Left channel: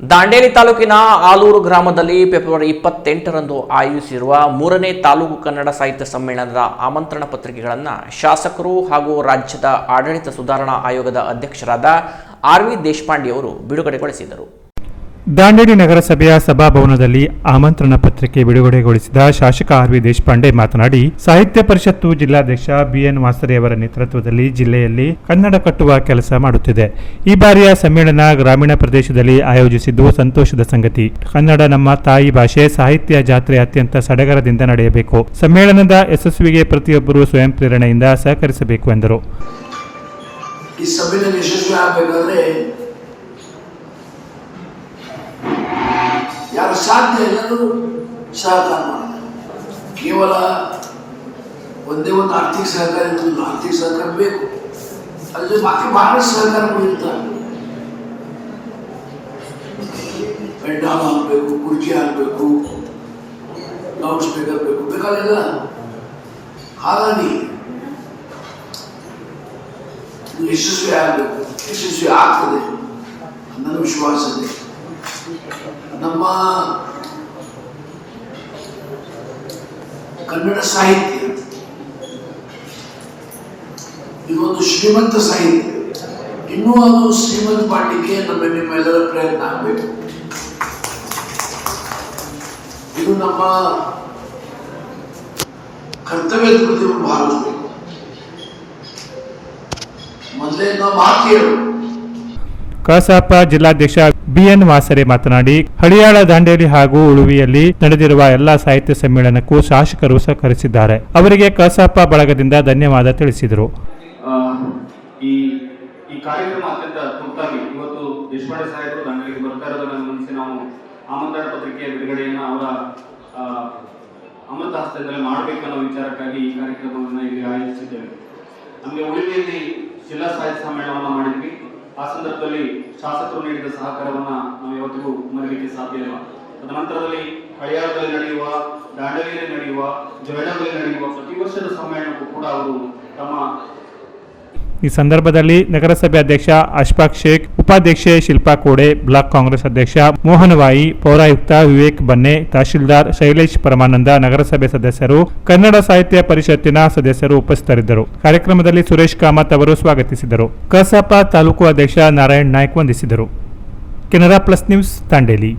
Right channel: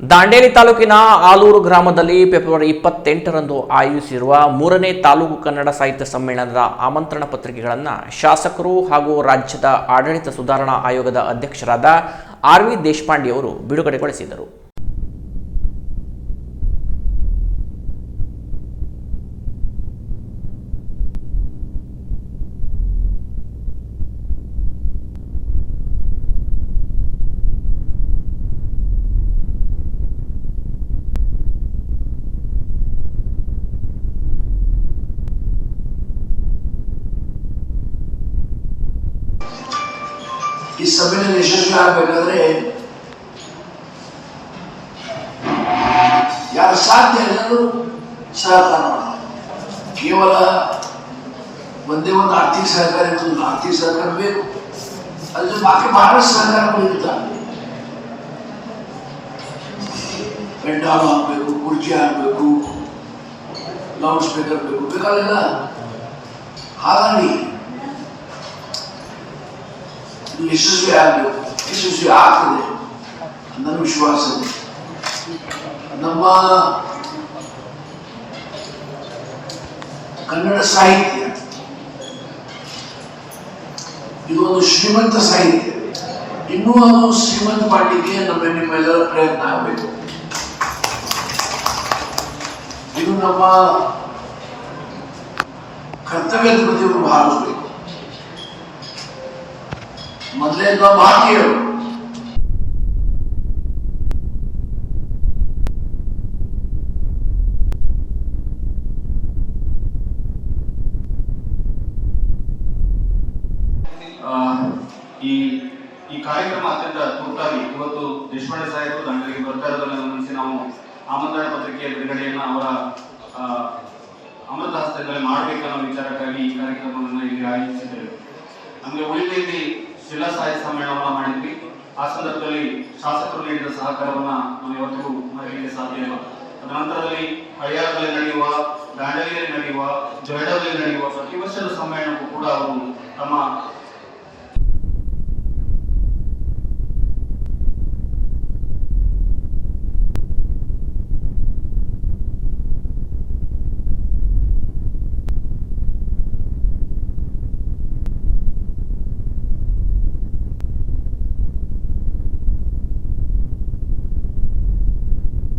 ದಾಂಡೇಲಿ ತಾಲೂಕಿನ ಆಲೂರು ಗ್ರಾಮದಲ್ಲಿ ಫೆಬ್ರವರಿ ಇಪ್ಪತ್ತೆಂಟರಂದು ಆಯೋಜಿಸಿರುವ ಮೂರನೇ ತಾಲೂಕು ಕನ್ನಡ ಸಾಹಿತ್ಯ ಸಮ್ಮೇಳನದ ಆಮಂತ್ರಣ ಪತ್ರಿಕೆಗಳನ್ನು ಶಾಸಕರು ಹಾಗೂ ರಾಜ್ಯದ ಆಡಳಿತ ಸುಧಾರಣಾ ಆಯೋಗದ ಅಧ್ಯಕ್ಷರಾದ ಆರ್ ವಿ ದೇಶಪಾಂಡೆ ಅವರು ಬಿಡುಗಡೆಗೊಳಿಸಿದರು. ದಾಂಡೇಲಿ ನಗರಸಭೆಯ ಸಭಾಭವನದಲ್ಲಿ ಆಮಂತ್ರಣ ಪತ್ರಿಕೆ ಬಿಡುಗಡೆಗೊಳಿಸಿದ ಶಾಸಕ ಆರ್ ವಿ ದೇಶಪಾಂಡೆ ಮಾತನಾಡಿ, ಸಾಹಿತ್ಯ ಪರಿಷತ್ತು ಜಿಲ್ಲಾಧ್ಯಕ್ಷ ಬಿಎನ್ ವಾಸರೆಯವರ ನೇತೃತ್ವದಲ್ಲಿ ಜಿಲ್ಲೆಯಲ್ಲಿ ಕನ್ನಡ ಕಟ್ಟುವ ಕೆಲಸ ಮಾಡುತ್ತಿದೆ. ಈ ಬಾರಿಯ ಸಮ್ಮೇಳನ ಗ್ರಾಮೀಣ ಪ್ರದೇಶದಲ್ಲಿ ಆಯೋಜಿಸಿದ್ದು ಸಂತೋಷದ ಸಂಗತಿ. ಕನ್ನಡ ನಮ್ಮ ತಾಯಿ ಭಾಷೆ, ಸಾಹಿತ್ಯ ಜಾತ್ರೆ ಅತ್ಯಂತ ಸಡಗರದಿಂದ ನಡೆಯಬೇಕು. ಸಮ್ಮೇಳನದ ಯಶಸ್ವಿಗೆ ಪ್ರತಿಯೊಬ್ಬರು ಸ್ವಯಂ ಪ್ರೇರಣೆಯಿಂದ ಸಹಕರಿಸಬೇಕು ಎಂದರು. ಯಾರು ಸಾಧ್ಯ ಎಲ್ಲರೂ ಸಹಕಾರ ಮಾಡ್ತಾರೆ ಕೇವಲ ಒಂದೇ ಒಂದು ಆರ್ಥಿಕ ಸಹಕಾರ ಇರುವುದಿಲ್ಲ ಆರ್ಥಿಕ ಸಹಕಾರ ಬೇಕು ಅದ್ರ ಬಾಕಿ ಬಹಳಷ್ಟು ಸಹಕಾರಗಳು ಇರ್ತಾವೆ ಪೆಂಡಾಲ್ ಆಗಬೇಕು ಕುರ್ಚಿ ಆಗಬೇಕು ಲೌಡ್ ಸ್ಪೀಕರ್ ಬೇಕು ಬೇಕಾಗಿಲ್ಲ ಹಾಗಾಗಿ ಇದು ಯಶಸ್ವಿ ಆಗಬೇಕು ಯಶಸ್ವಿ ಆಗ್ತದೆ ನನ್ನ ವಿಶ್ವಾಸ ಇದೆ ನಮ್ಮ ಕನ್ನಡ ಸಾಹಿತ್ಯ ಇದು ಒಂದು ಶ್ರೀಮಂತ ಸಾಹಿತ್ಯ, ಇನ್ನೂ ಅದು ಶ್ರೀಮಂತ ಮಾಡಲಿಕ್ಕೆ ನಮ್ಮ ನಿಮ್ಮೆಲ್ಲರ ಪ್ರಯತ್ನ ಆಗಬೇಕು. ಇದು ನಮ್ಮ ಕರ್ತವ್ಯದ ಬಗ್ಗೆ ಭಾವಿಸ್ಬೇಕು ಮೊದಲೇ ನಾವು ಮಾತು ಕಸಾಪ ಜಿಲ್ಲಾಧ್ಯಕ್ಷ ಬಿಎನ್ ವಾಸರೆ ಮಾತನಾಡಿ, ಹಳಿಯಾಳ ದಾಂಡೇಲಿ ಹಾಗೂ ಉಳುವಿಯಲ್ಲಿ ನಡೆದಿರುವ ಎಲ್ಲಾ ಸಾಹಿತ್ಯ ಸಮ್ಮೇಳನಕ್ಕೂ ಶಾಸಕರು ಸಹಕರಿಸಿದ್ದಾರೆ. ಅವರಿಗೆ ಕಸಾಪ ಬಳಗದಿಂದ ಧನ್ಯವಾದ ತಿಳಿಸಿದರು. ಈ ಈ ಕಾರ್ಯಕ್ರಮ ಅತ್ಯಂತ ತುರ್ತಾಗಿ ಇವತ್ತು ದೇಶಪಾಂಡೆ ಸಾಹೇಬರು ದಾಂಡೇಲಿಗೆ ಬರ್ತಾ ಇರೋದನ್ನು ಗಮನಿಸಿ ನಾವು ಆಮಂತ್ರಣ ಪತ್ರಿಕೆಯ ಬಿಡುಗಡೆಯನ್ನು ಅವರ ಅಮೃತ ಹಸ್ತದಲ್ಲಿ ಮಾಡಬೇಕನ್ನೋ ವಿಚಾರಕ್ಕಾಗಿ ಈ ಕಾರ್ಯಕ್ರಮವನ್ನು ಇಲ್ಲಿ ಆಯೋಜಿಸಿದ್ದೇವೆ. ನಮಗೆ ಉಳಿಕೆಯಲ್ಲಿ ಜಿಲ್ಲಾ ಸಾಹಿತ್ಯ ಸಮ್ಮೇಳನವನ್ನು ಮಾಡಿದ್ವಿ ಆ ಸಂದರ್ಭದಲ್ಲಿ ಶಾಸಕರು ನೀಡಿದ ಸಹಕಾರವನ್ನ ನಾವು ಯಾವತ್ತಿಗೂ ಮರೆಯಲಿಕ್ಕೆ ಸಾಧ್ಯ ಇಲ್ಲ. ತದನಂತರದಲ್ಲಿ ಹಳಿಯಾರದಲ್ಲಿ ನಡೆಯುವ, ದಾಂಡಲಿಯಲ್ಲಿ ನಡೆಯುವ ಜೊಯ್ಡಾದಲ್ಲಿ ನಡೆಯುವ ಪ್ರತಿ ವರ್ಷದ ಸಮ್ಮೇಳನಕ್ಕೂ ಕೂಡ ಅವರು ತಮ್ಮ ಈ ಸಂದರ್ಭದಲ್ಲಿ ನಗರಸಭೆ ಅಧ್ಯಕ್ಷ ಅಶ್ಫಾಕ್ ಶೇಖ್, ಉಪಾಧ್ಯಕ್ಷೆ ಶಿಲ್ಪಾ ಕೋಡೆ, ಬ್ಲಾಕ್ ಕಾಂಗ್ರೆಸ್ ಅಧ್ಯಕ್ಷ ಮೋಹನವಾಯಿ, ಪೌರಾಯುಕ್ತ ವಿವೇಕ್ ಬನ್ನೆ, ತಹಶೀಲ್ದಾರ್ ಶೈಲೇಶ್ ಪರಮಾನಂದ, ನಗರಸಭೆ ಸದಸ್ಯರು, ಕನ್ನಡ ಸಾಹಿತ್ಯ ಪರಿಷತ್ತಿನ ಸದಸ್ಯರು ಉಪಸ್ಥಿತರಿದ್ದರು. ಕಾರ್ಯಕ್ರಮದಲ್ಲಿ ಸುರೇಶ್ ಕಾಮತ್ ಅವರು ಸ್ವಾಗತಿಸಿದರು. ಕಸಾಪ ತಾಲೂಕು ಅಧ್ಯಕ್ಷ ನಾರಾಯಣ್ ನಾಯ್ಕ್ ವಂದಿಸಿದರು. Canara plus news Dandeli